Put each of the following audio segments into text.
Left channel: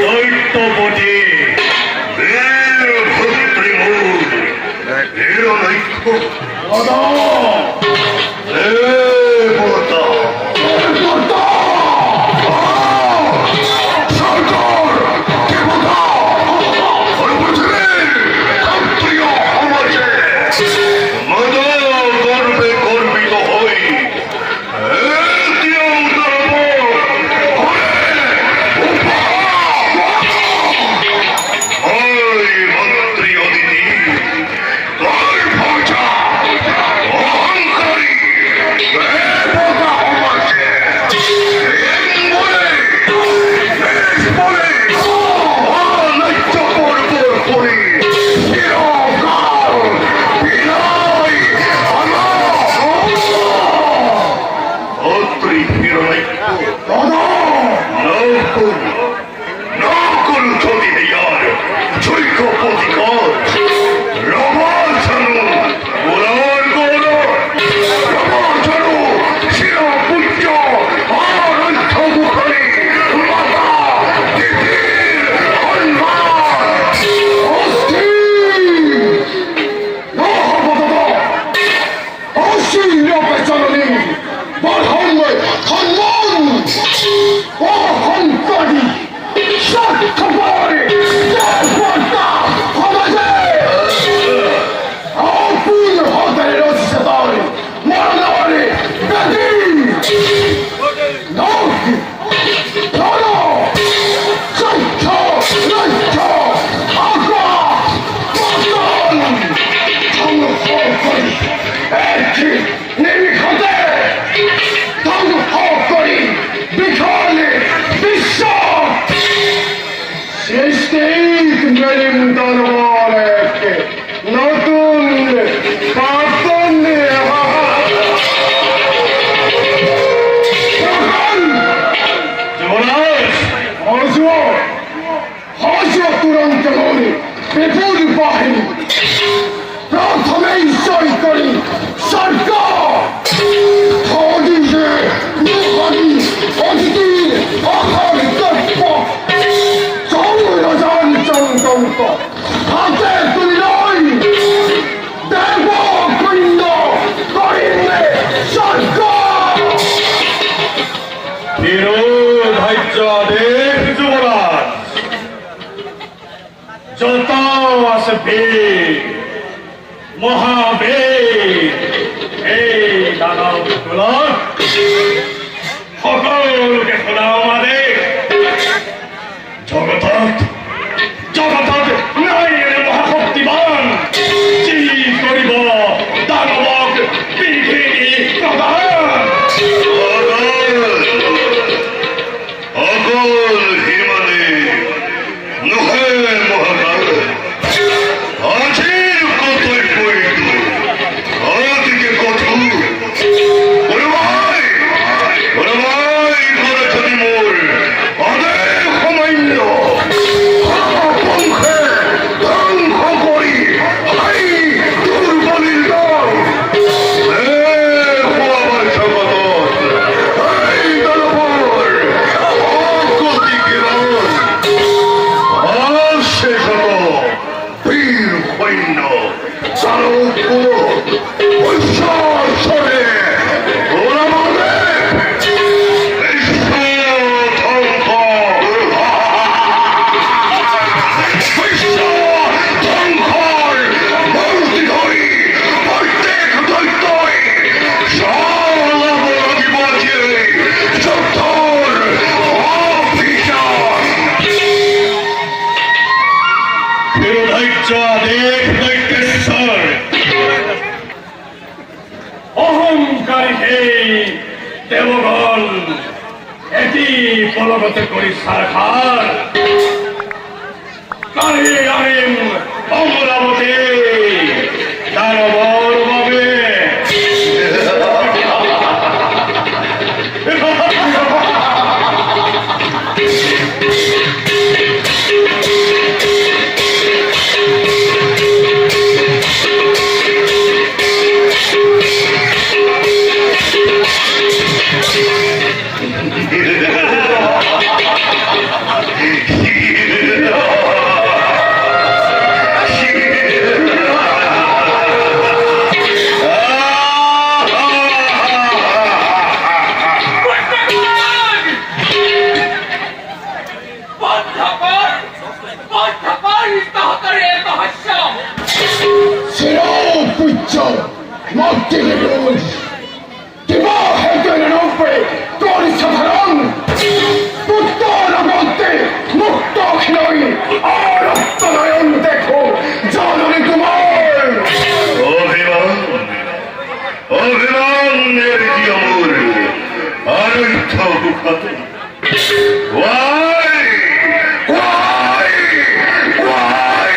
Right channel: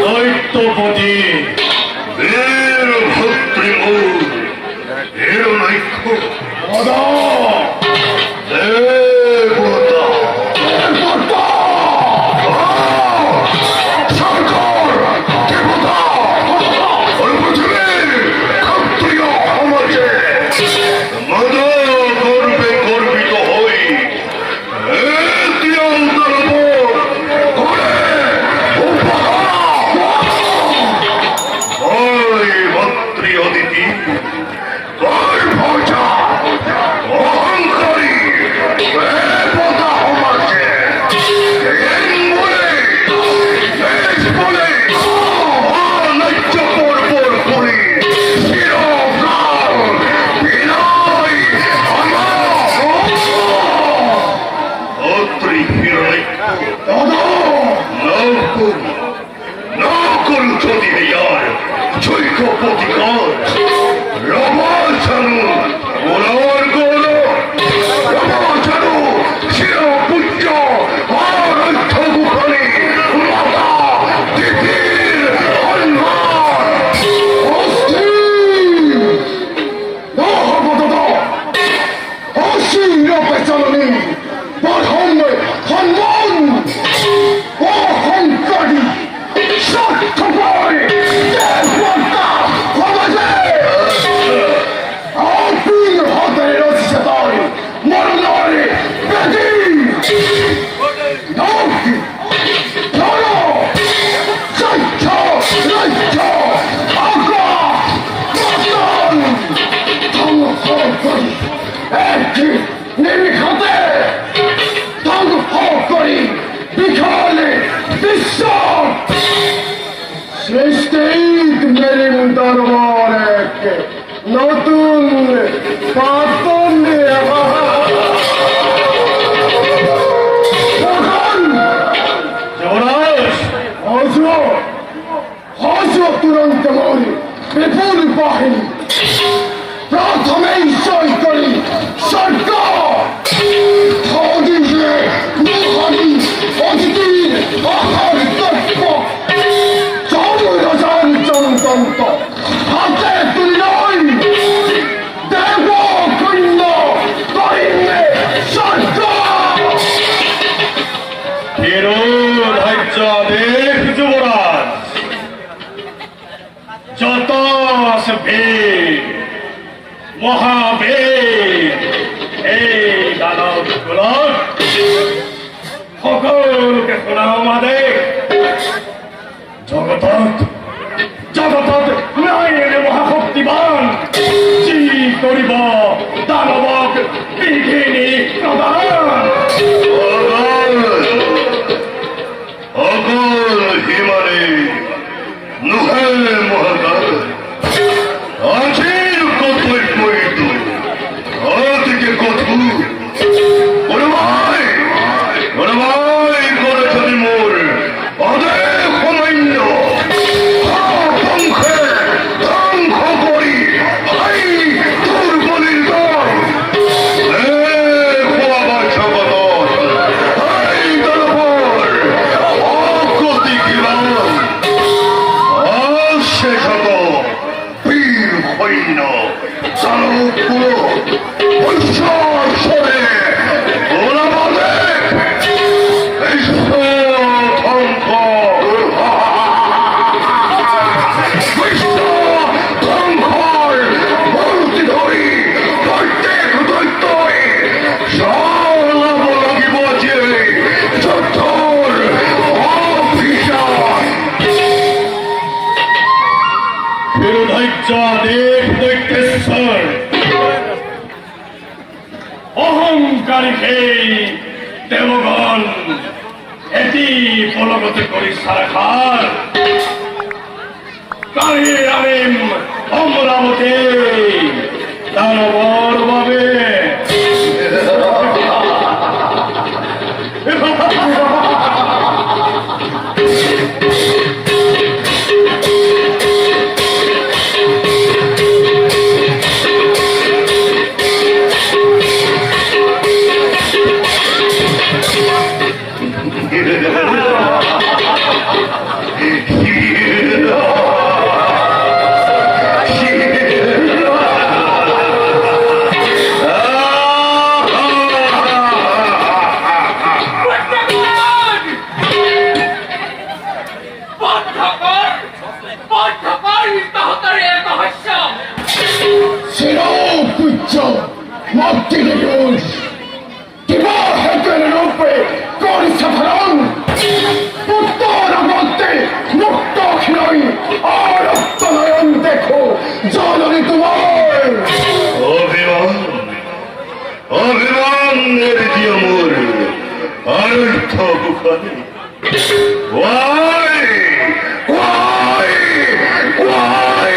দৈত্যপতি বীর ভদ্রমূল এর নৈক্য দেবতা মহাবীর এই দানবগুলো সকলকে শোনা আমাদের জগতত জগতত নাইয়ের মহাশক্তিমান যি করিব দানবক পিঠে প্রদান অকল হিমানে নুহে মহাকাল অহংকারীকে দেবগণ এটি পরবত করি সারাখার কালে আরেম অমরাবতী দানবর ভাবে Dios, dibajen rompe con Satanán, tuttora monte, muktoknoi, arastanayan দেখো জননী তোমার অভিমান অভিমানের জিয়মুর অনর্থ বুখাতে ওয়াই ওয়াই ওয়াই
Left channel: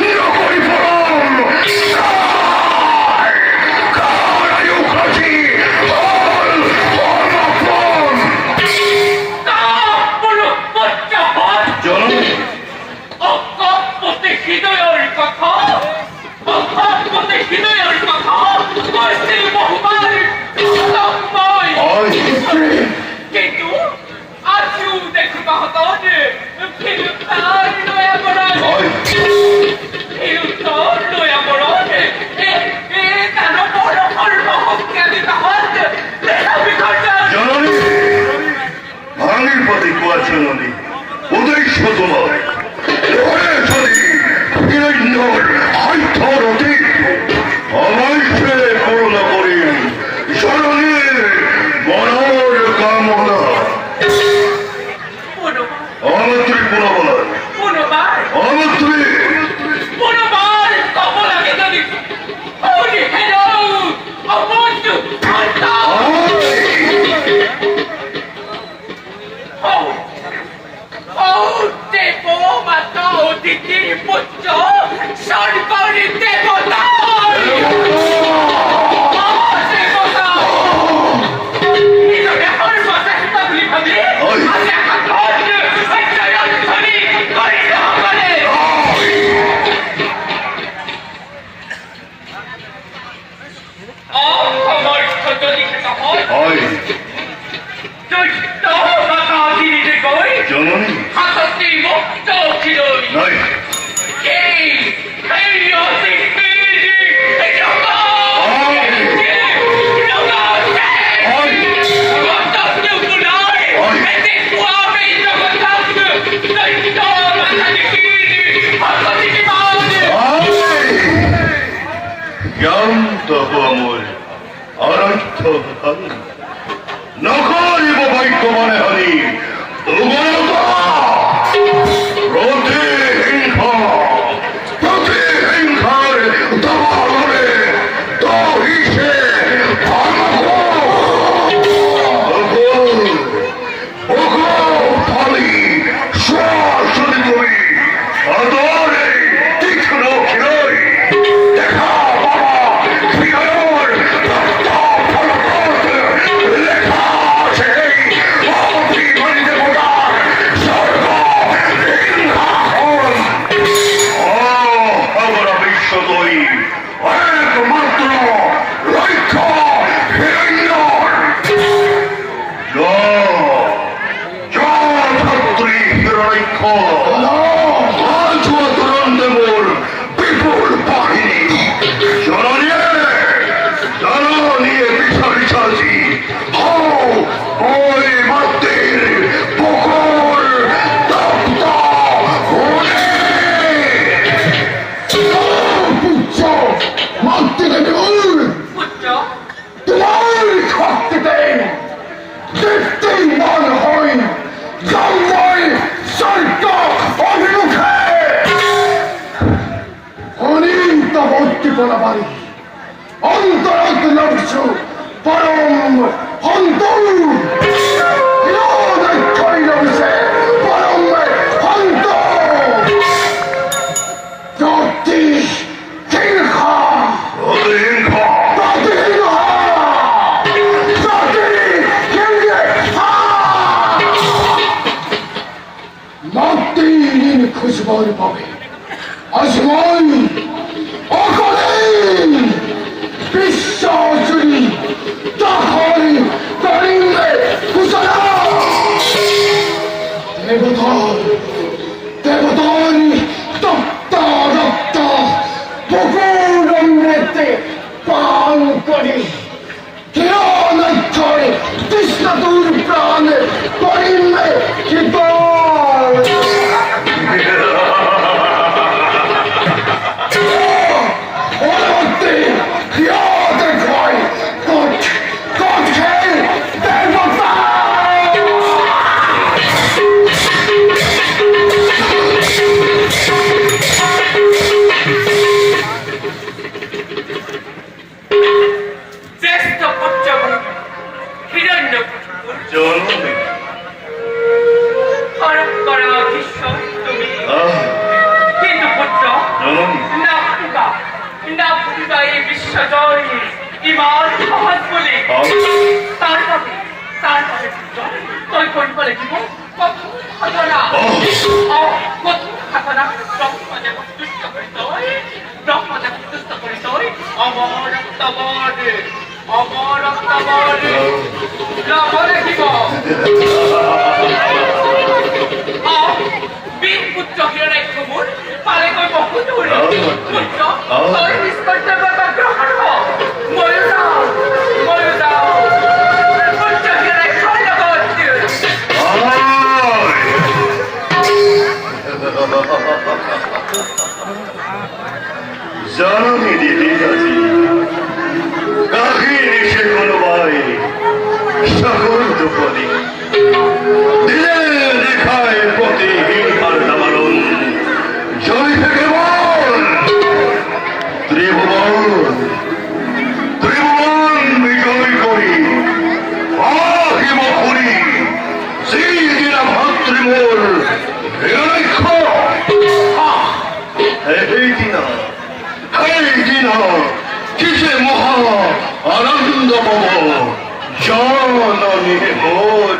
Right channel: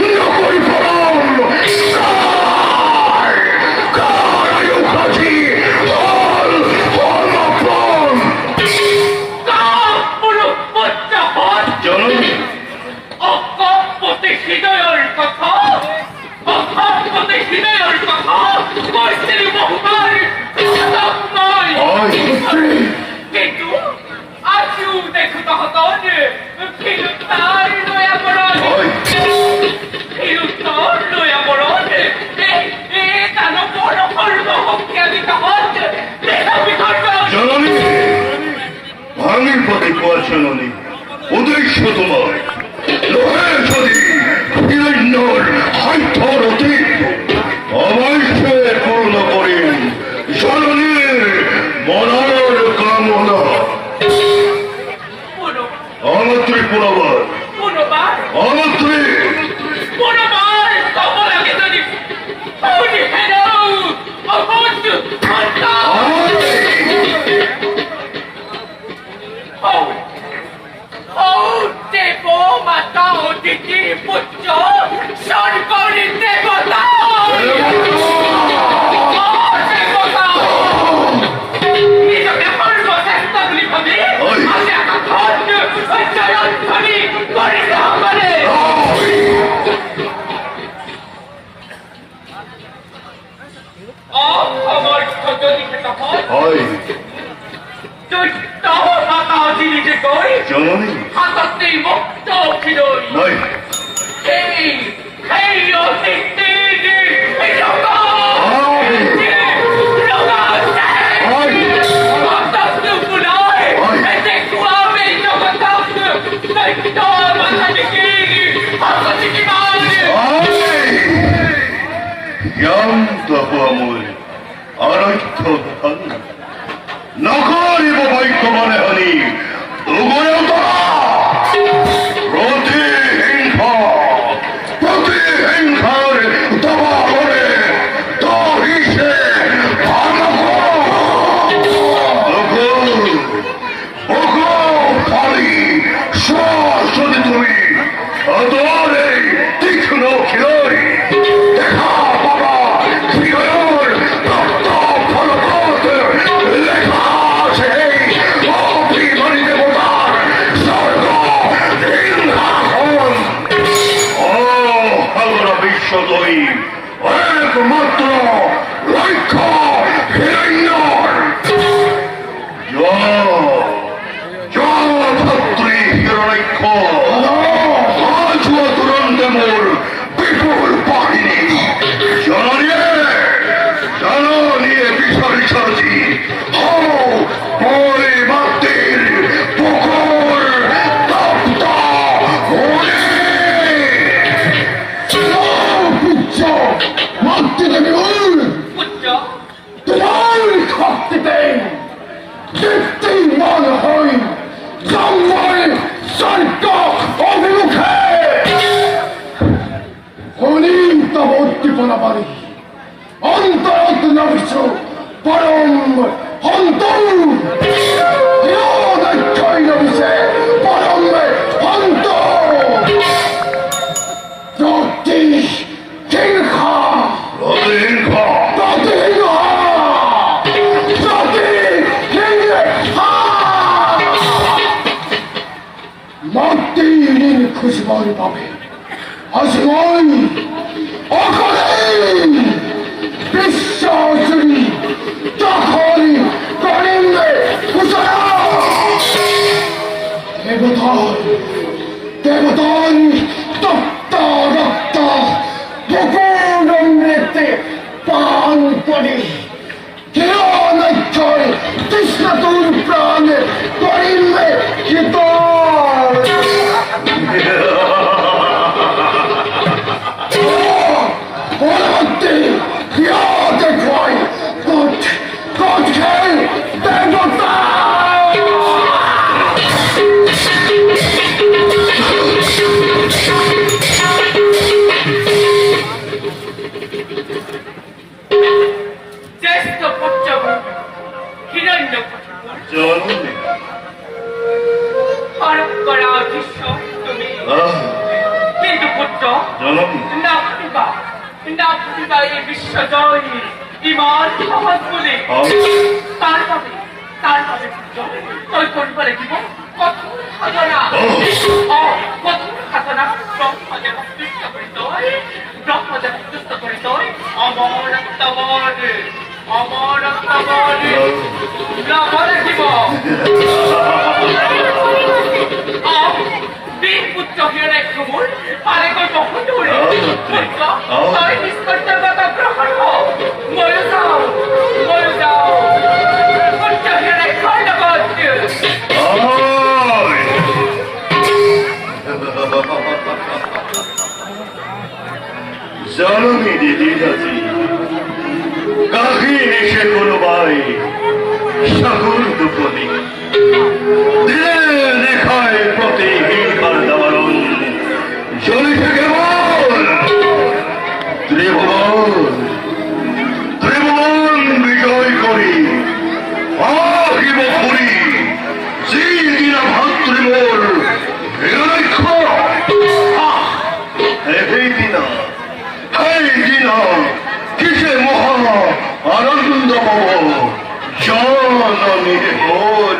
নকরি পরম কারায়ুখাজি অল অনপন জননী অকপটে হৃদয়ের কথা অকপটে হৃদয়ের কথা কইছিল বহুবার নয় কিন্তু আজিও দেখো তাহলে ফিরতাই নয়া পড়ে ফিরতাই নয়া পড়ে এ কেন বড় কর্ম হত্যা দিতে হচ্ছে দেখা বিধান জননী ভাঙির পথে কুয়াশননী উদ্দেশ্য তোমার যদি হিরণ্যর হাইথর অতীত অবশ্যই পূর্ণ করি জননীর মরণের কামনা অমন্ত্রী পুনবার অমন্ত্রী পুনবার কবল আগে জানি ওরে হেলো অবঞ্চ ঘন্টা দেব মাতা অতিথি পুত্র সর্বরি দেবতা নিজকে সর্বশ্রেষ্ঠ লিখবি আমি একটা ঘর জয়ন ধরি করিল বলে অসমর্থ যদি খেতা হয় জননী হাতাতে মুক্ত ছিল নয় এই অতিথি আমর অনর্থ নকরিব বাক্য মনে হরি প্রতিহিংসার দাবারে দহিসে ফলি সরস্বতী তুমি অদরে তীক্ষ্ণ খিলই দেখা বাবা হৃদয়ের রক্ত ফলকত লেখা আছে অভিমানী দেবতার স্বর্গ ইন্দ্রাসন আমরা বিশ্বদয়ী একমাত্র রৈক্ষ হিরণ্যর জয়ভদ্রী হিরণ্যক্ষ আজুয়াতুরন্দমূর বিপুল বাহিনী জননীর বিচারিচাজি ওই মাতৃর পুকুর তপ্ত হয়ে পুচ্ছ মাতৃদেবী তোমার শক্তিতে দীপ্তিমান হই জন্ময় স্বর্গ অভিমুখে অনিত বর্তিপনা বাড়ি অন্তরত নবিশু পরম হন্তু হিরোদক্ষই নবিশে পরম হন্তু জ্যোতিষ হিংসা হিংসা মাতৃর খুশবর পাবে আসমান অকলেন বিশ্বাসী তখন করিলে দেবতার দেবতার তপ্ত রক্ত পুকুর অমৃতে পান করি হিরণক্ষয় কৃষ্ণতুর প্রাণে করিলে পরবর্তী জয়ী বিশ্বজয়ী ইমান সহজ বলে তারপরে তোর কোন করে দিব কত খাতনা কত খাতনা ব্রহ্মদেব সৃষ্ট করিত ব্রহ্মদেব সৃষ্ট করিত অমরত্ববনে নগরে দিব বীর পুত্র হিরণে খবর পালে কই পক্ষে দূরে পুত্র তোর নিষ্কর্ষের কথা গ্রহণ হোক মরে যাও পুত্র হিরণে খবর জানি দিদি যাচ্ছি কাকি এসে কোনো ভাই সকল দুপনি দিলে লেখায় প্রতি হিংসার দারুণ জমি থেকে বল ত্রিভুবন বিজয় করি আহিব পুরী সেই দিনা ভাতৃমোর এই দিনা কিসে মহা আনন্দ জানি মোর